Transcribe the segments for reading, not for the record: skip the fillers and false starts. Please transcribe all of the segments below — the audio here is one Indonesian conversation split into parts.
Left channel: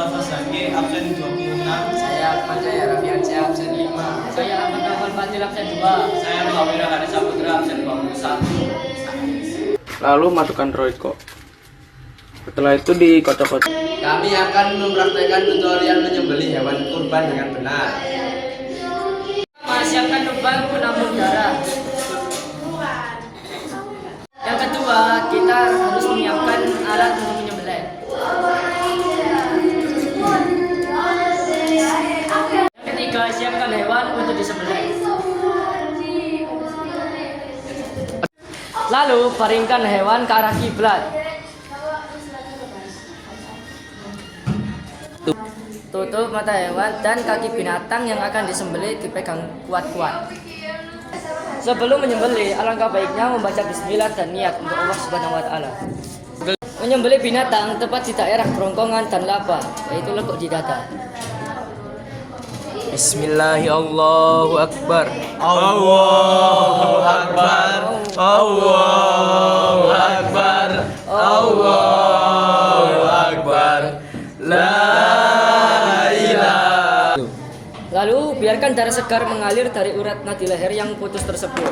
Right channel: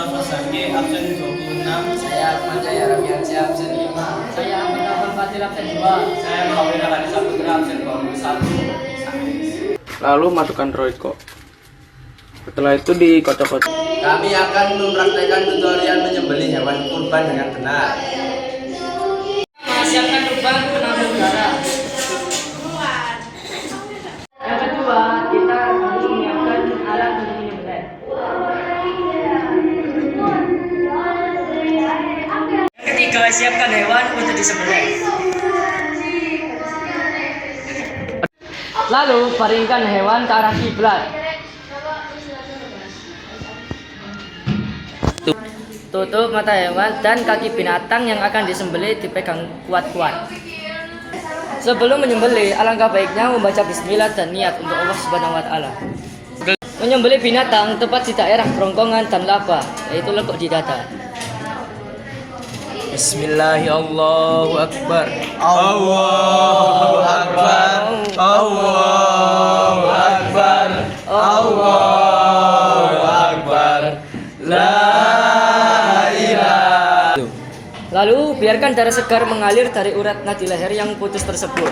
Al-Fasaki absen 26. Saya Ahmad Jaya Rafiansyah absen 5. Saya Ahmad Nafal Fadil absen 2. Saya Muhammad Rahani Saputra absen 21. Lalu masukkan royco. Setelah itu dikocok-kocok. Kami akan mempraktekkan tutorial menyembelih hewan kurban dengan benar. Siapkan lubang penampung darah. Yang kedua, kita harus menyiapkan alat untuk menyembelih. Yang ketiga, siapkan hewan untuk disembelih. Lalu, baringkan hewan ke arah kiblat. Tutup mata hewan dan kaki binatang yang akan disembelih dipegang kuat-kuat. Sebelum menyembelih, alangkah baiknya membaca bismillah dan niat untuk Allah Subhanahu wa taala. Menyembelih binatang tepat di daerah kerongkongan dan laba, yaitu lekuk di dada. Bismillahirrahmanirrahim. Allahu Akbar. Allahu Akbar. Allahu Akbar. Allahu Akbar. La ilaha. Lalu biarkan darah segar mengalir dari urat nadi leher yang putus tersebut.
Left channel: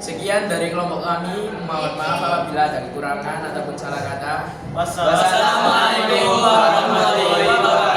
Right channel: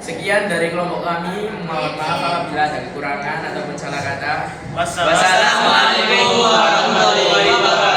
Sekian dari kelompok kami. Mohon maaf apabila ada kekurangan ataupun salah kata. Wassalamualaikum warahmatullahi wabarakatuh.